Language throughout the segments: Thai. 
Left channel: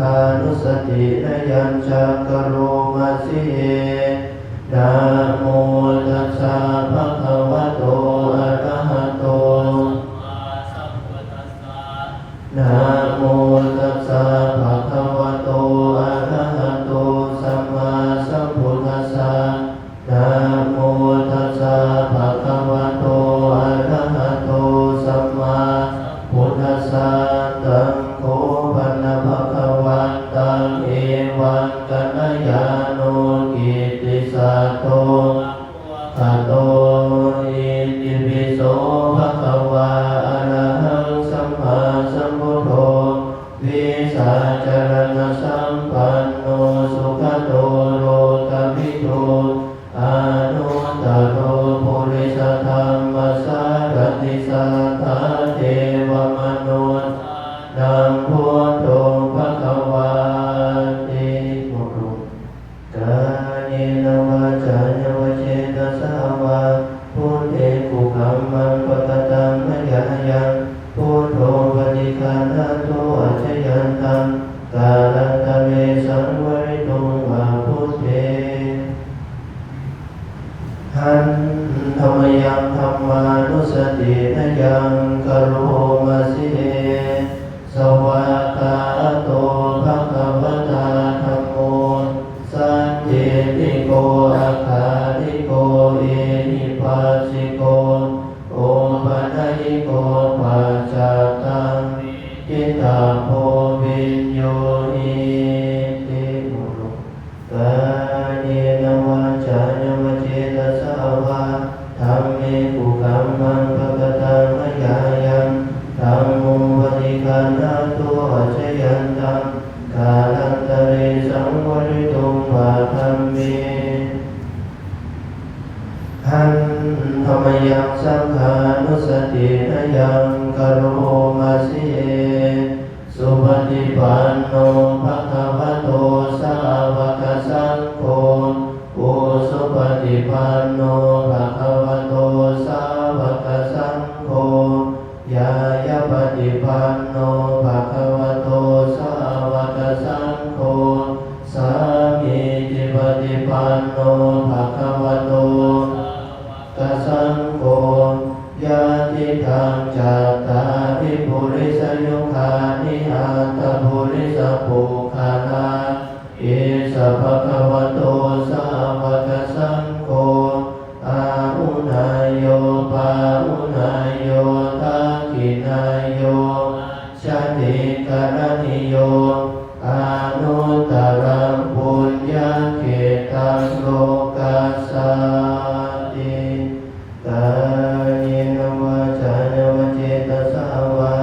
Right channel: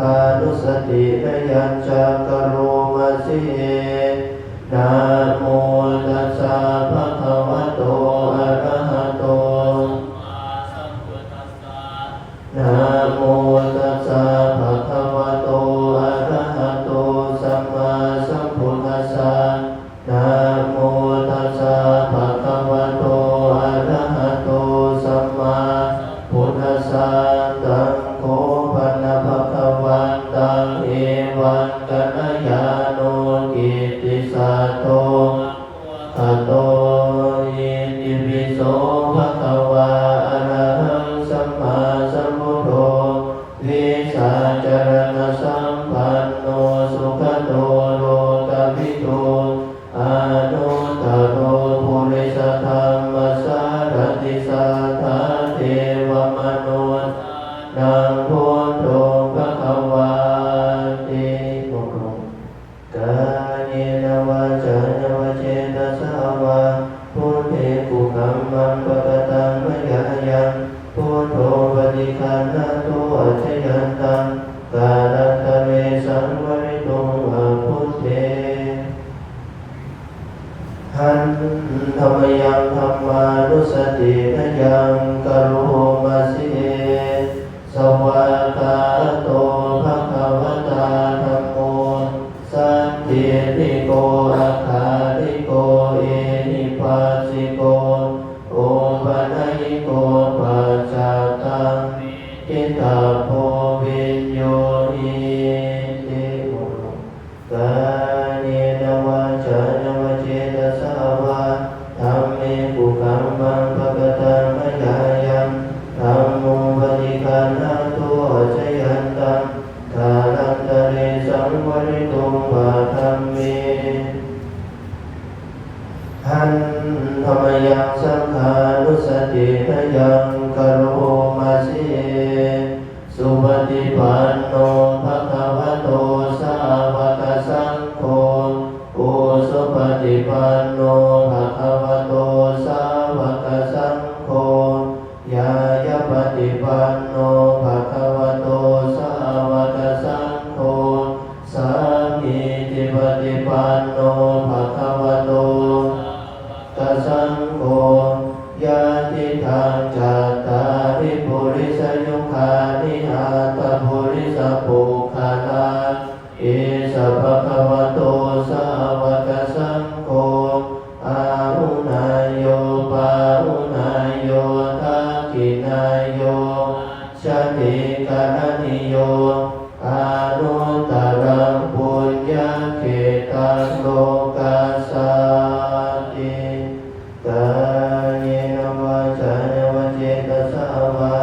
ฆานุสติยัญชกโรมาสิเยนะโมตัสสะภะคะวะโตอะระหะโตนะโมตัสสะภะคะวะโตอะระหะโตสัมมาสัมพุทธัสสะนะโมตัสสะภะคะวะโตอะระหะโตสัมมาพุทธัสสะตัมโฆภะนะภะคะวันตังเอวังกัลยาโนกิตติสัตโตภะโตอิติปิโสภะคะวะอะระหังสัมมาสัมพุทโธวิสัชจารณสัมปันโนสุขโตโลกวิทูอานุตตโรปุริสธรรมสารติสัทธาเทวมนุษย์นังพุทโธภะคะวะติโมกายเนวาจาเนวเจตสาวะพุทเทกุกัมมันปะตังมะยายังพุทโธปฏิคันธโตอัจฉยันตังกาลันตะเมสังวริโตวะพุทเทหันธรรมยังธัมมานุสติยังกโรมาสิเยสวากาโตภะคะวะตาธัมโมสันติติโกอาคาริโกเอหิปัสสิโกโอปัญญิโกปัจจตังอิตาโพวิญโยหิติมุกายเนวาจาเนวเจตสาวะธัมเมกุกัมมังภะกตังมะยายังธัมโมปฏิคันธโตอัจฉยันตังกาลันตะเรสังวริโตวะธัมเมหันธรรมยังสังฆานุสติยังกโรมาสิเยสุปฏิปันโนภะคะวะโตสาวกสังโฆโอสุปฏิปันโนภะคะวะโตสาวกสังโฆยายาปฏิปันโนภะคะวะโตสาวกสังโฆสามีจิปฏิปันโนภะคะวะโตสังโฆญาติทางจัตตาริปุริสยุคานิอาตปุริสปุคาลาอิสัพพะคะวะโตสาวกสังโฆอาหุนายโยปาหุนายโยทักขินายโยชติกรณิโยอานุตตรังปุญญเกตังโลกัสสาติกายเนวาจาเนวเจตสาวะ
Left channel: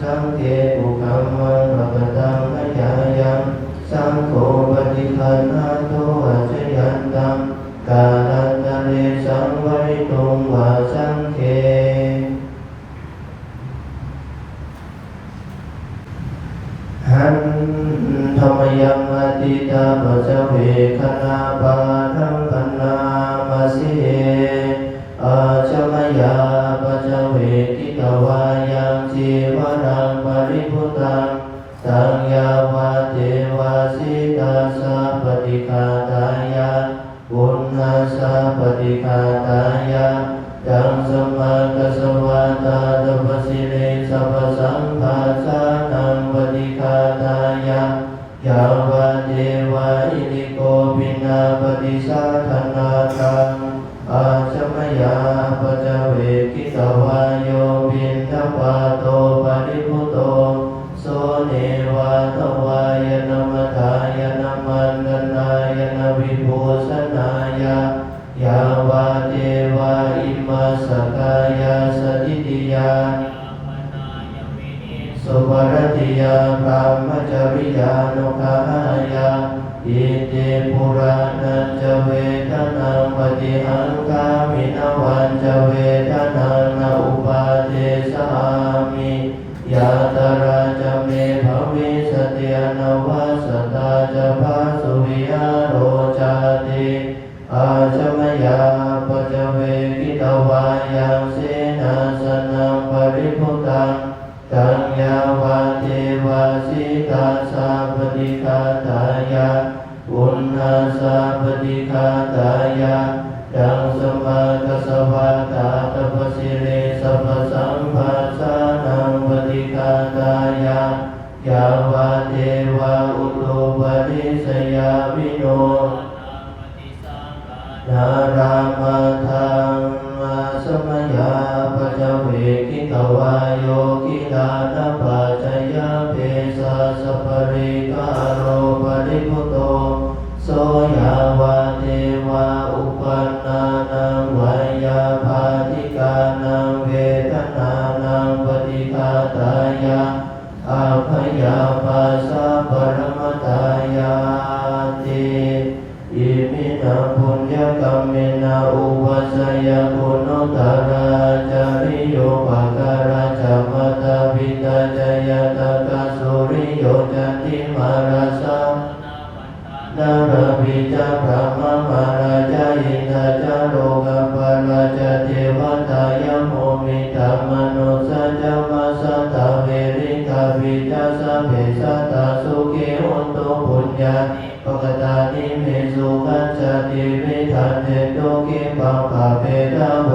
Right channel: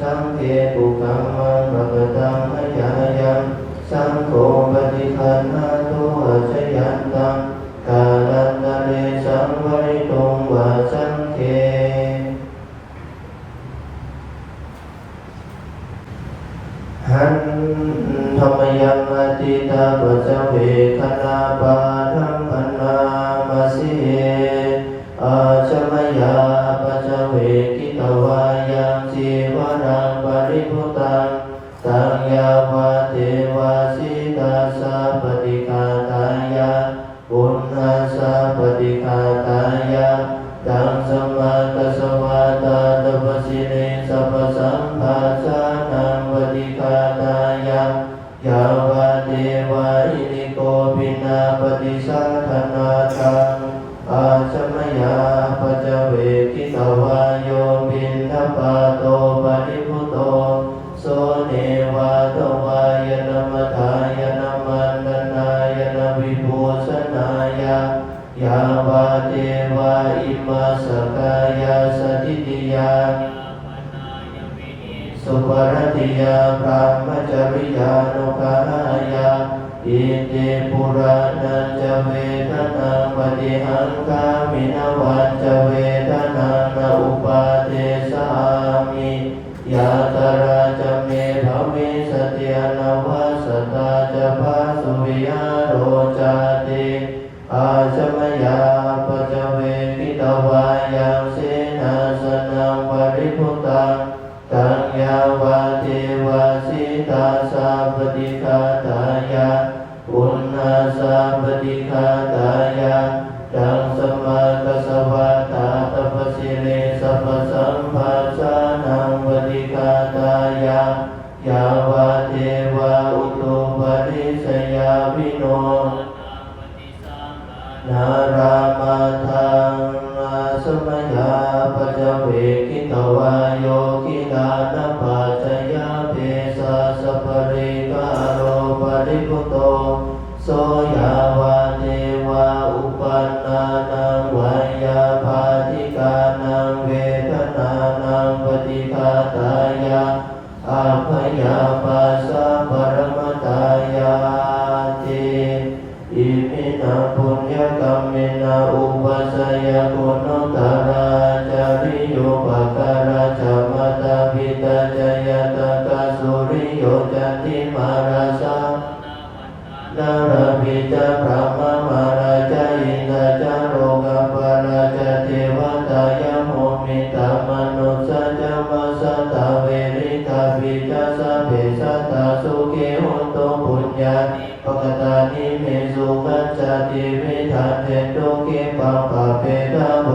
สังเกตุกัมมันภะกตังมะยายังสังโฆปฏิคันธโตอัจฉยันตังกาลันตะเมสังวริโตวะสังเฆหันธรรมยังอติตาปัจจเวคณาปาทังพนามาสิเยอาจมยาปัจจเวกิตวายังจีวรังปริภุตังสังยาวาเทวาสิทัสสะปฏิฆาตายะปุณณัสสะปฏิฆาตายะดังสัมมากัสสวะตาตปสิเรสัพพสัมภาสานังปฏิฆาตายะยาวาเทวาอิริโกภินาปฏิสาธนาคังอาจมยาปัจจเวกิตวาโยวินทปาโตปริภุโตโสเนวาโตวายนะมทายนะมันดนายนะวิภูสนายะยาวาเทวาอิมาสกายาสติติยาสุปรติยาพรหมจริยานุภายาอิติปุรานันจเวทนาปฏิหังกามินวันจเวทนานาอุปาเทสามิยาตราจเมภมิสติยนวาสตาจภาสุริยโรจาติอาจมยาปัจจเวกิตวายังเสนาสนังปริภุตังตังยาวาเทวาสิ ตาสาปฏิฆาตายะปุณณาสาปฏิฆาตายะดังสมมากัสสวะตาตปสิเรสัพพสัมภาสานังปฏิฆาตายะยาวะเทวะอุตุปนิสยาวิโนนารามาทังสมยาปัจเวกิตวายโยกิลานะปัจจยเปสะสัพพริกาโรปริภุโตโสยาวะเทวะอุปัฏฐานังวายาภาติกานังเวทนานังปฏิฆาตายะอาภยาปัสสะปรมตายาติอิมินาปุญญกรรมเมนะอุปัสสยกุณัตระจาริโยปะการะจัมมตาวิตาจยตกะสุริโยจันติมาราสะนาราภิจาพระมมาราจายินทาจาโลกัมปราจเทวตายะโมมิตามนุสัจจมัสสะตาเวริตาภิจาสะเพสัตตาสุเกหุนโตปุญญาปะกตานิเมสุขัจจติเมธันเตโตเกปัปปะเปตาโภ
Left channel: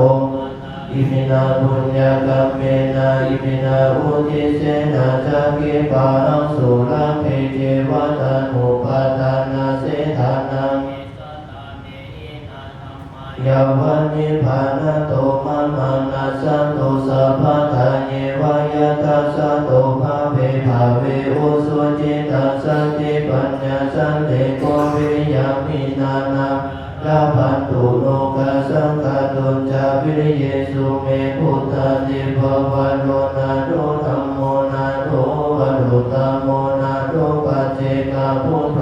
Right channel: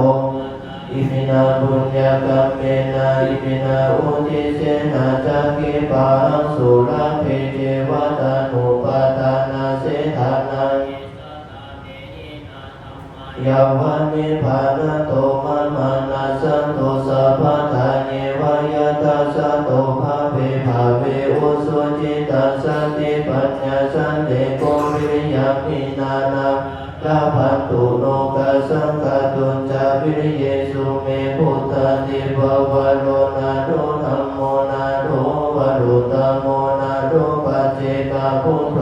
อิมินาปุญญกรรมเมนะอิมินาอุทิเสนะจักเกปังสุรังเพเจวะตานุปาทานาเสธานังยาวันนิพพานโตมามานาสันโตสัพพะทานิวายตัสสะโตภะเวภาเวอุสุจิตัสสติปัญญาสันติโกวิยามินานาลาภันตุโนกัสสังฆตุจาวิริเยสุเมพุทธานิภวะโรนาโรธัมโมนาโรวะรุตตโมนาโรปัจเจกพุทโธ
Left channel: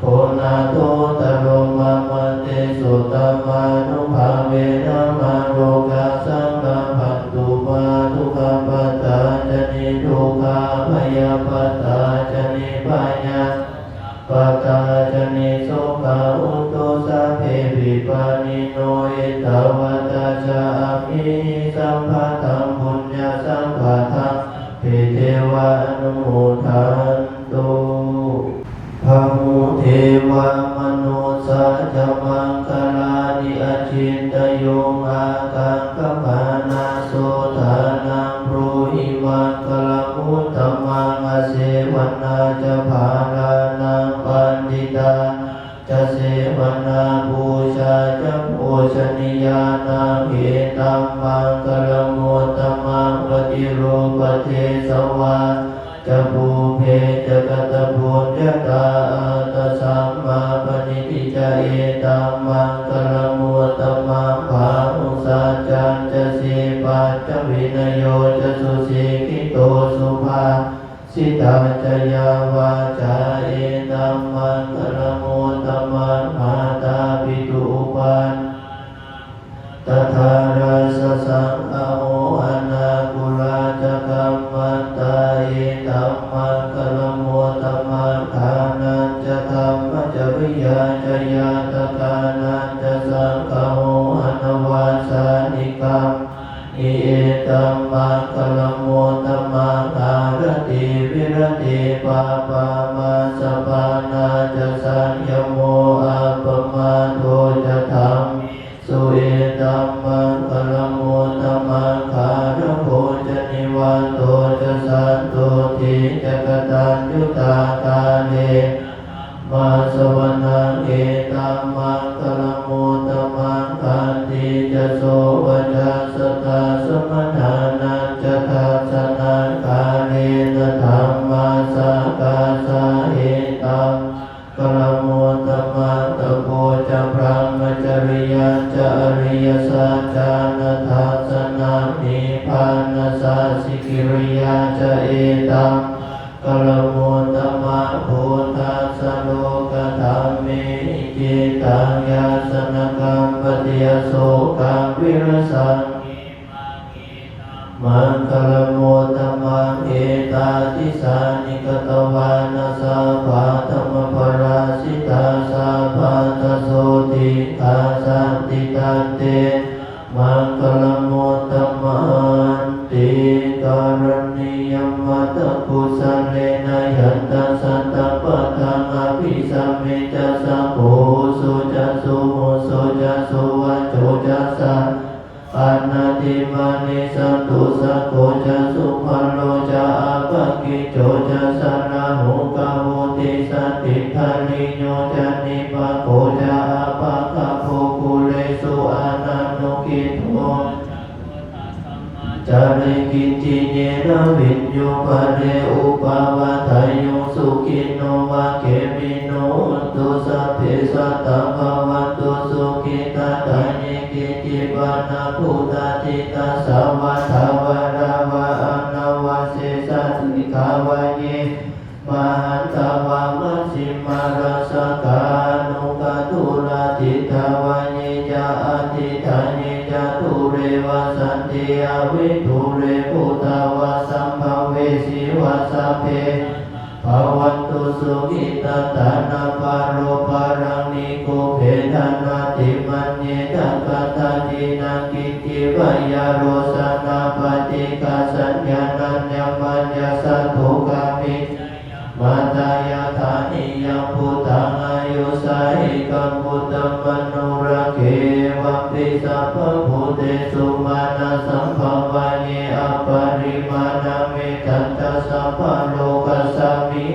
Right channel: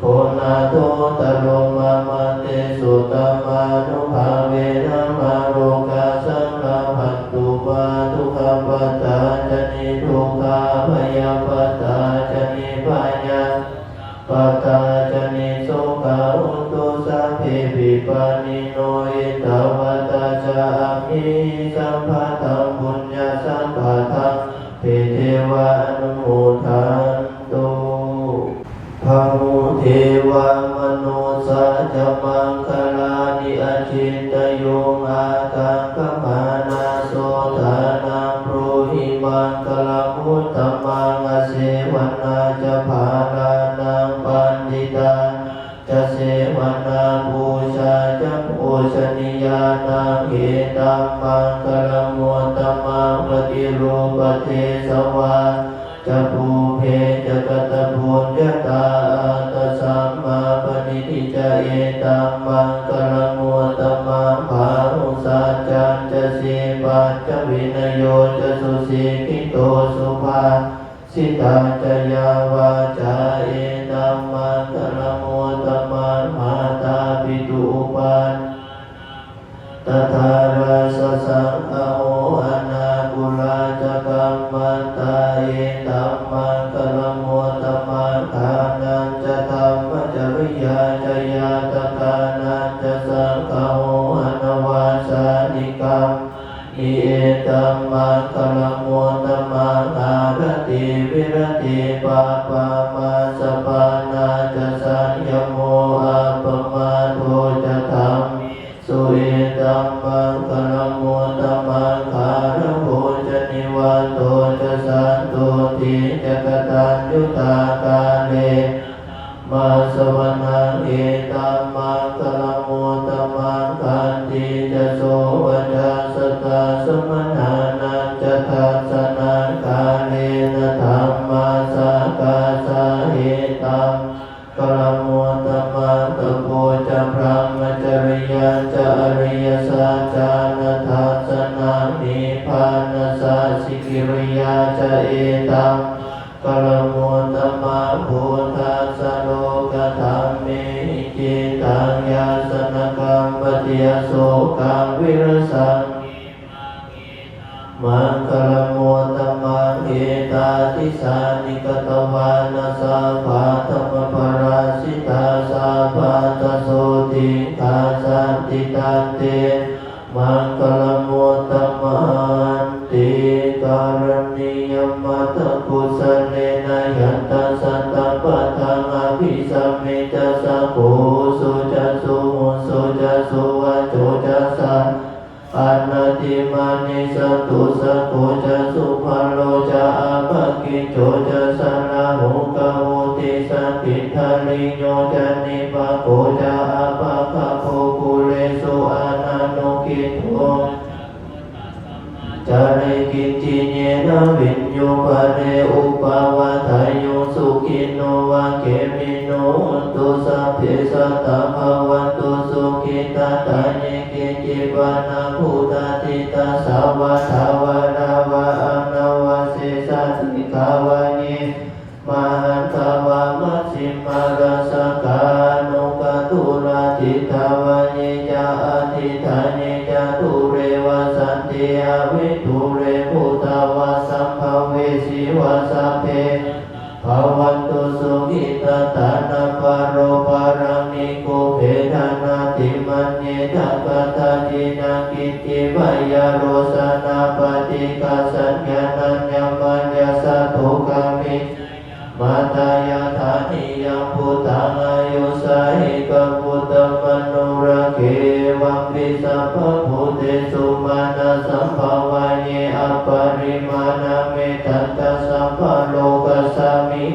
โพนาโตตโรมามันเตสุตมานุภาเวนะมาโรกาสังฆภัตตุปาทุกขปัตตาจนิทุกขาพยาปัตตาจนิปัญญาปัตตาจนิโสกาอุตโตสัพเพปิปานิโนเอตวัตตาจามิสัมภะทังปุญญาสัมภะทังเพเทวะอนุโมทันตุภะโมเทวมนุสาจมังคลานิอจินตโยอากังคปานาโสทานังโพหิมังคลังอุตตมังอเสวนาจะภาลานังปันติตาจะเสวนาบูชาจะโภชนิยานังเอตัมมังคลังมุตตมังปฏิรูปเทสวาจะภูเพจะกัตบุญญาตาตสัมมาปณิทิจะเอตัมมังคลังมุตตมังภานุสัจจันจะสีปัญจวินโยจะสุสีกิโตสุภาสิตาจยาวาจาเอตัมมังคลังมุตตมังมาตาปิตุปันตถาราสสังฆโมอนาคุราจะกัมมันตาเอตัมมังคลังมุตตมังทานันจะธัมมจริยาจยาตถานันจะสังฆโมอนวาสานิกัมนิเอตัมมังคลังมุตตมังอารติวิรติปาปามาสปานาจะสัญญโมอัปปมาโทจะธัมสุเอตัมมังคลังมุตตมังคารโภจะนิวันโตจะสันโตติจะกตัญญูตากาเลมาสวนังเอตัมมังคลังมุตตมังคันติจะโสวัจจสตาสมนานันจะทัสสนังกาเลนะธัมมาสกาสาเอตัมคลังมุตตมังตโพจะพระมจริยาจะอริยสัจจานะทัสสนานิพพานะสัสสิกิริยาจะเอตัมคลังมุตตมังโพธัสสะโลกธัมเมหิตังยาสนกัมปติยโสกังวิรสังมังคลังมุตตมังเอตาติสานิกตวานะสัพพะธัมมปราสิตาสัพพะทโสติทาสันติตันเตมังคลังมุตตมังติการณียมัตตกุสเลนะ ยัตตาสัตตะปัฏฐามาภิสัมมิจสัพโพสุจะสุโหสุจะสุวัจโจจะสันอันนาติมานิสัตตุสัพโพจะสุภัลโลจะอาปะกิโจจะสันนาโหกะโหติสัตติทานิโยจะนิปะโกจะอาปะกะโภคุเรสุอานานุกิโตจาริกินจิเนระวิญโยปะเรอุปาวะทายโยสุขิโนวะเกมิโนตุสัพเพสัตตะภะวันตุสุขิตาตานิกิจิปานะพุทธาติตาสาวะทาวะนาวะอันนาวะเสสะสิกาวะเนมหันตาวะมัชฌิมาราสกานุกตุลาติตาวะเนจาอธิธานิจาตุเรวะสันติอวิทุเรพุทธาวะสัมภเวสีวะสัพเพภวันตุสุขิตาตานาปาโรปารามิกุเพทานาติมันเนตังกัตตาจินากิจิวายาโรสนาปฏิกัสสัญญาณัญญมัญญสัตถุกามิมาตายาธานิยาพุทธังอายุสัยกังพุทธมโนระเกวัมปิสัพพะพุทธสุมาณสัมภาวะเยอปาริมาณเมตันตสัมภโลกัสสมิ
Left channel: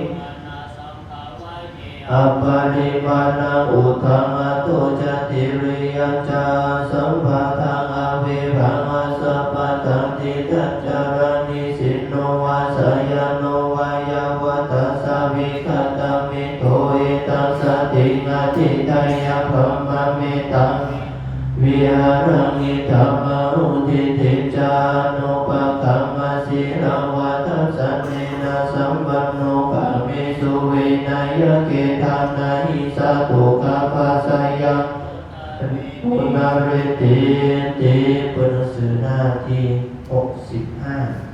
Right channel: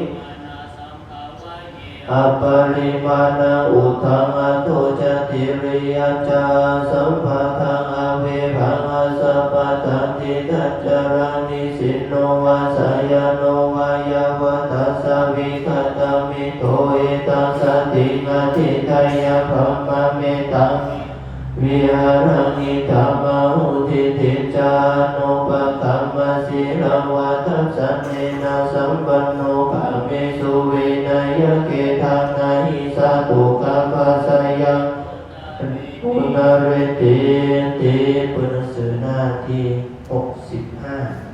อปาริมาณอุทังอตุจติริยจาสัมภะทังอเวภังอสัพพะตันติตัจจารานิสินโนวาสยโนวายาวะตัสสะวิคัตตามิโตเอตัสสะตินาทิตายะพรหมเมตังวิหารังิธรรมอุทิติจานุปคัมมสิรังวัฏสะเมนะสัมปันโนกะเมสุวินัยเกทังนาหิสาตุกัปปะสยังปุณเรติติปุณสือหน้าที่65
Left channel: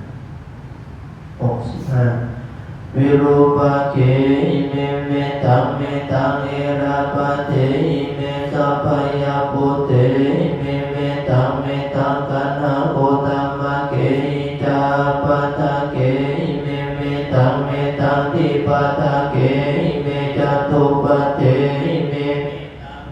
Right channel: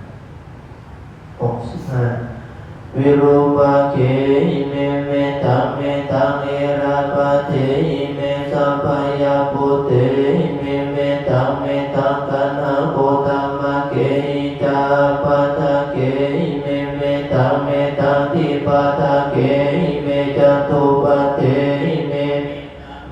วิรูปะเกหิเมเมตังเมตังเอราปะเทหิเมสัพพยาปุเตหิเมเมตังเมตังกัณหะโคตัมมะเกหิจาปะทะเกหิเมเมตังเมตังทิปะทะเกหิเมจตุปะเตหิเม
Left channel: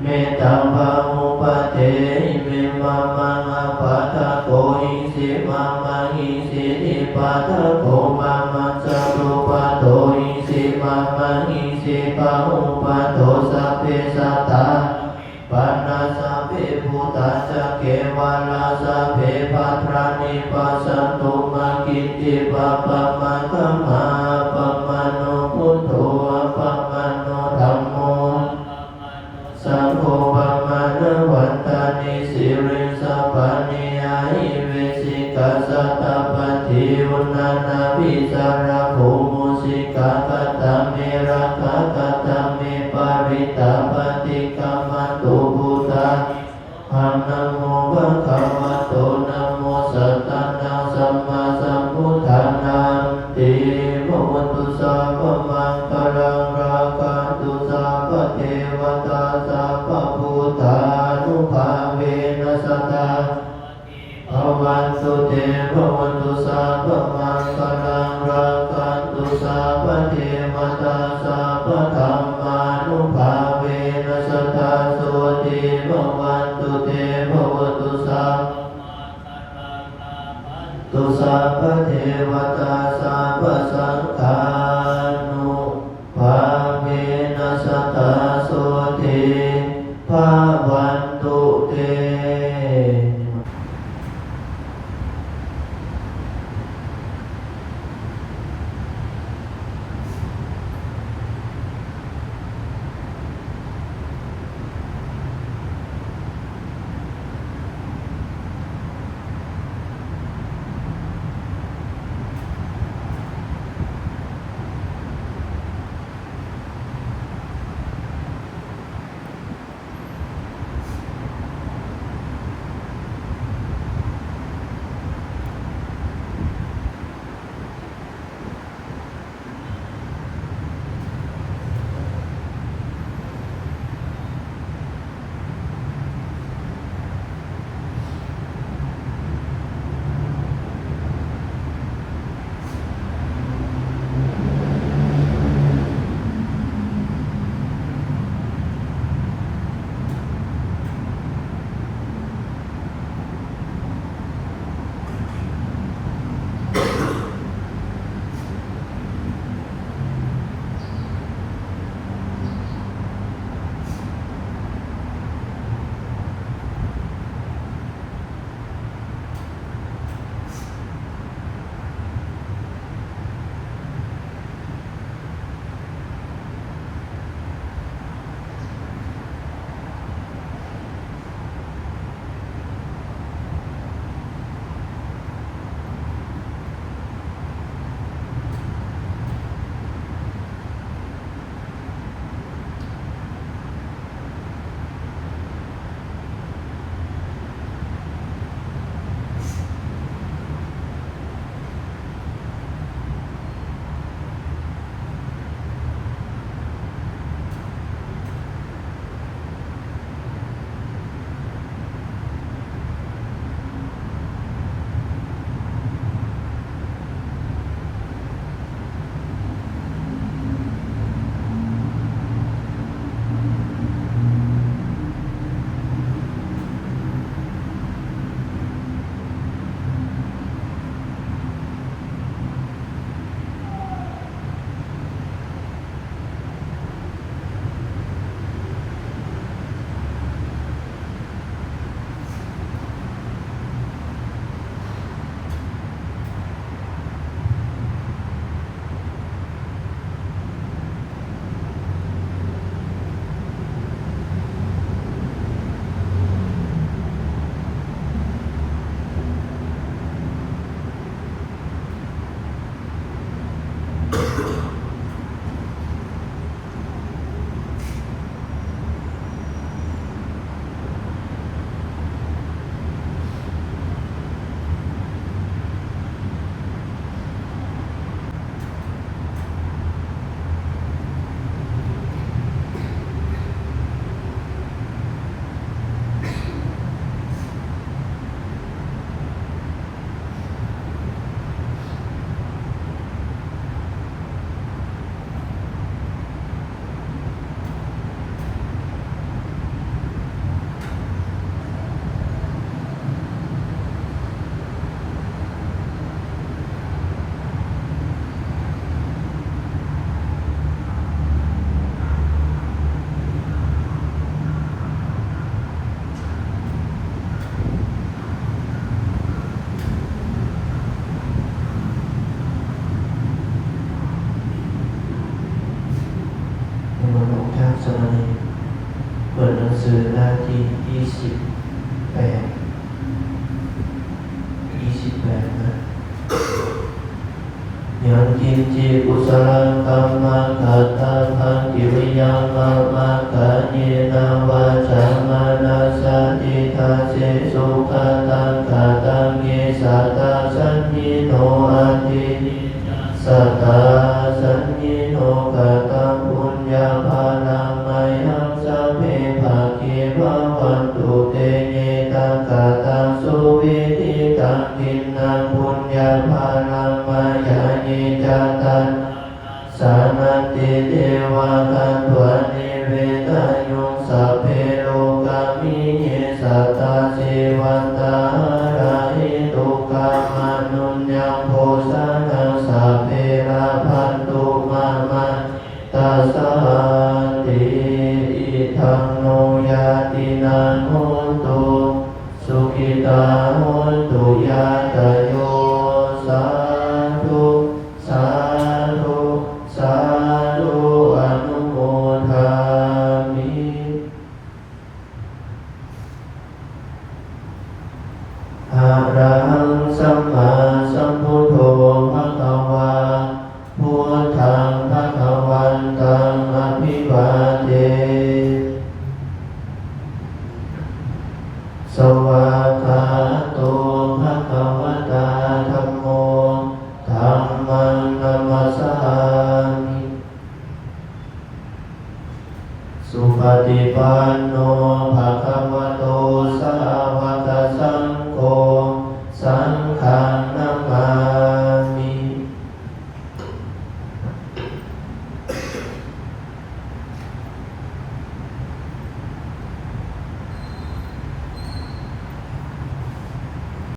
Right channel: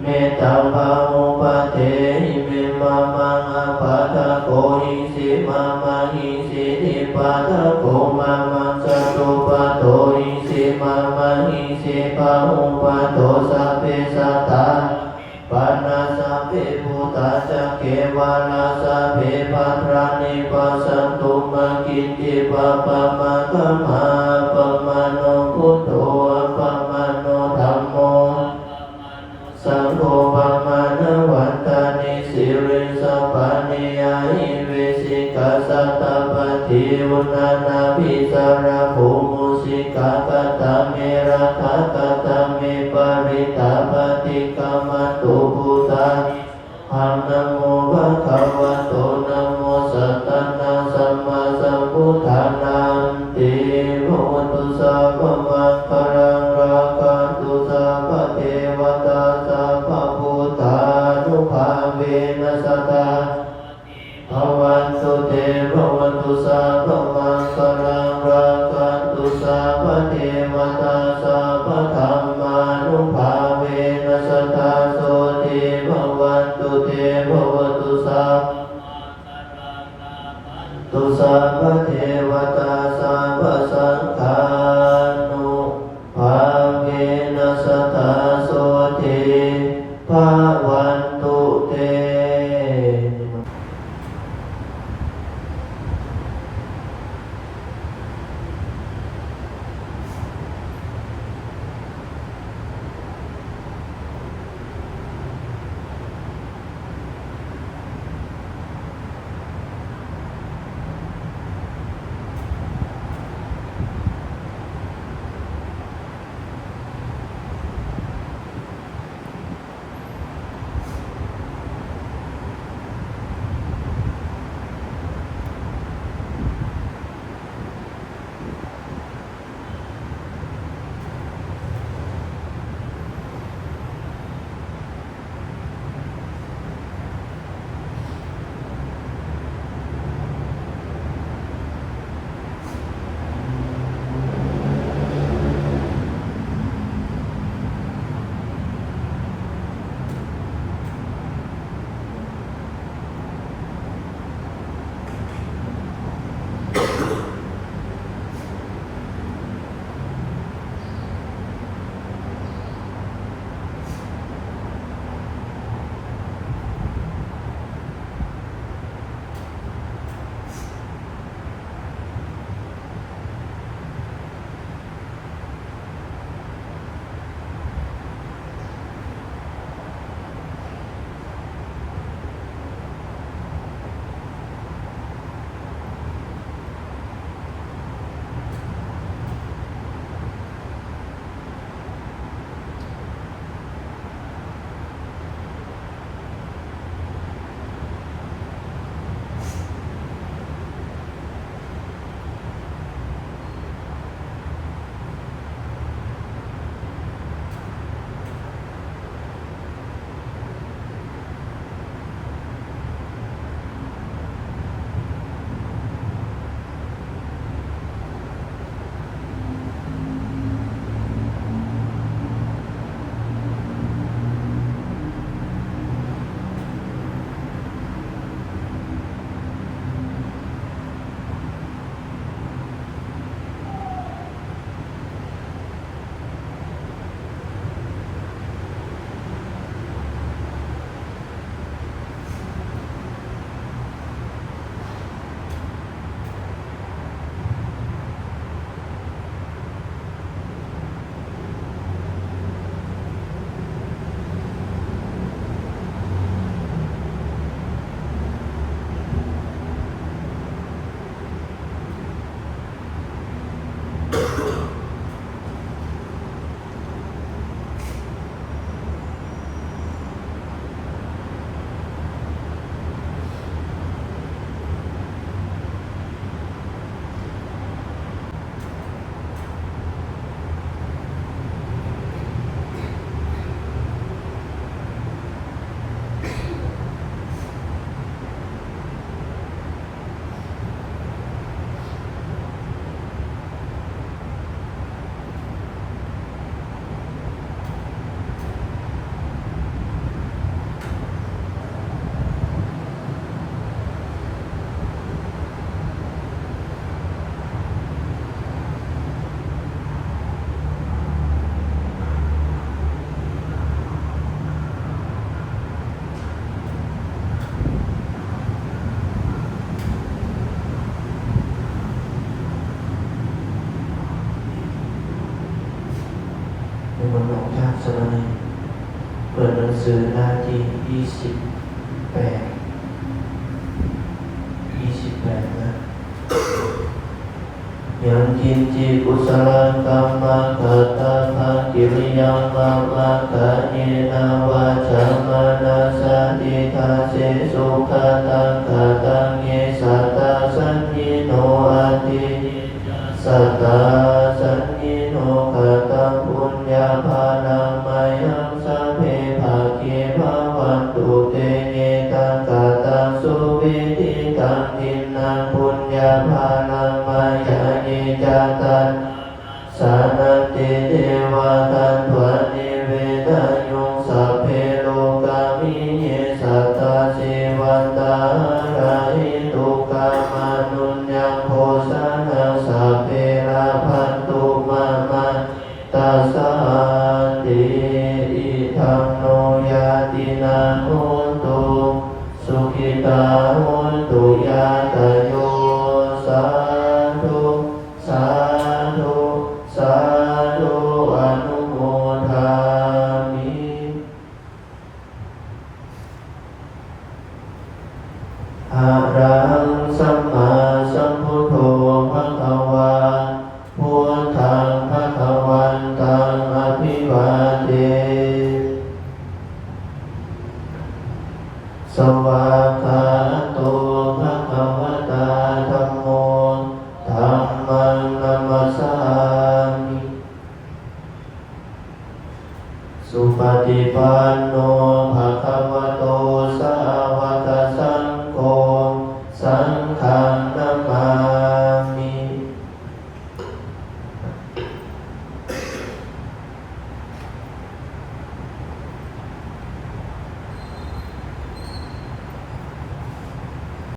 เมตังภามุปะเตหิเมมะมังอะปะทะโกหิสิมะมะหิสิทิปะทะโกมะมังสัตตุปะโตหิสิมะมะหิสิปะหุปะโตสัพเพสัตตาปันนาสัพเพพุทธัสสะเกวะลาสัพเพภัทรานิปัสสันตุมะกิจจิปะปะมะกัมมาปะมะโนพุทโธปะมะโนธัมโมสัมโฆปะมะโนวันตานิสิริสัพพะเนยะหิเวสิกัสสะตะปะทิอุนานาภิสาระภูมุสิกะกัตตะเมระทะกัตตะเมปาริตาปฏิกัมมัตตุพุทธังหังนะโมภะคะวะโตนะโมสัตตะนะสัมมาสัมพุทธังนันติโนตุสัพพะมังคลังราคันตุสัพพะเทวตาสัพพะพุทธานุภาเวนะสัตตาภวันตุเตภวันตุสัพพะมังคลังราคันตุสัพพะเทวตาสัพพะธัมมานุภาเวนะสัตตาโสติภวันตุเตภวันตุสัพตุสัพพะเทวตาสัพพะสังฆานุภาเวนะสัตตาโสติภวันตุเต เป็นหลวงท่านสมัยเปิดหนังสือหน้าที่28นะยังกินจิกุศลกรรมตัตถะพันกิริยังมามะกะเนนาวาจามนัสสะอิทาเสสุขตังกตังเยสัตตาสัญญิโนอาทิสัตตาสัญญิโนกตังปุญญาภาลังมัยหังสัพเพภาคิภาวันตุเตเยตังกตังสุวิธิตังทินนาปุญญาภาลังมัยยะเนจตันสานันติเทวาคันตวานิเวทายุงสัพเพโลกามิเยสัทธาเสวันตาราหิตุกัมมานุญญังโภชนะสัพเพราพันตุมามัตตาสาติอิทังโนยาตินาโหตุสุขิตาโหตุยาตโยสาธุสาธุสาธุอนุโมทามิอะระหังสัมมาสัมพุทโธภะคะวาพุทธังภะคะวันตังอภิวาเทสวากขาโตภะคะวะตาธัมโมธัมมังนัมสสามิสุปฏิปันโน